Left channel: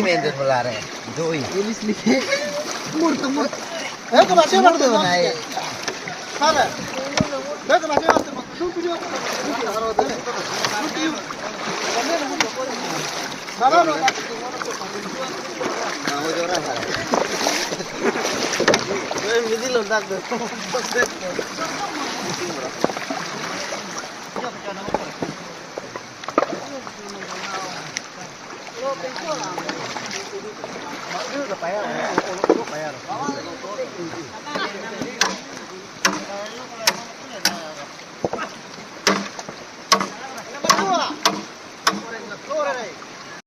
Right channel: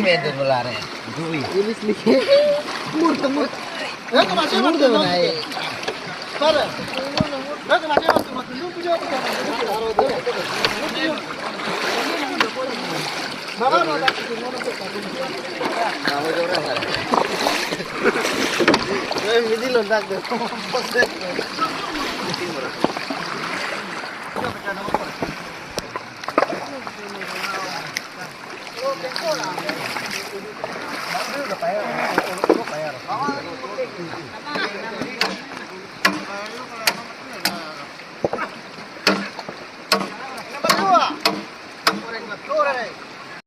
Mentor wala rin. Joy. Ilis lihe. Murta. Ito masih murta na eh. Para. Ito masih murta. Dulu video ko. Bago no kasi mo no ko. Mau jorang kan. Hindi lang dagdag.